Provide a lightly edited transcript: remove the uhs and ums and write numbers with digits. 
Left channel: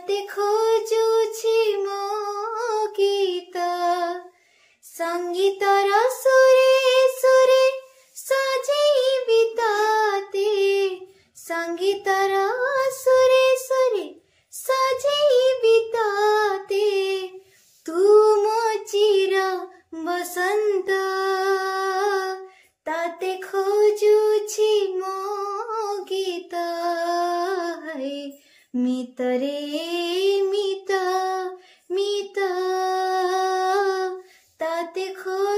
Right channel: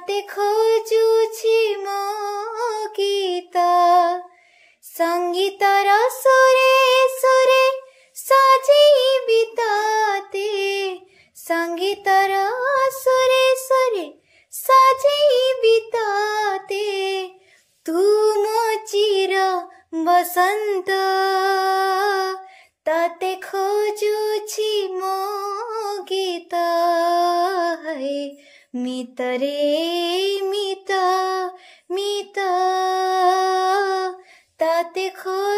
ताते खोजुछि मो गीत संगीतर सुरे सुरे सजीवी ताते संगीतर सुरे सुरे सजीवी ताते तुम चिर बसंत ताते खोजुछि मो गीत मित रे मित मित ताते खो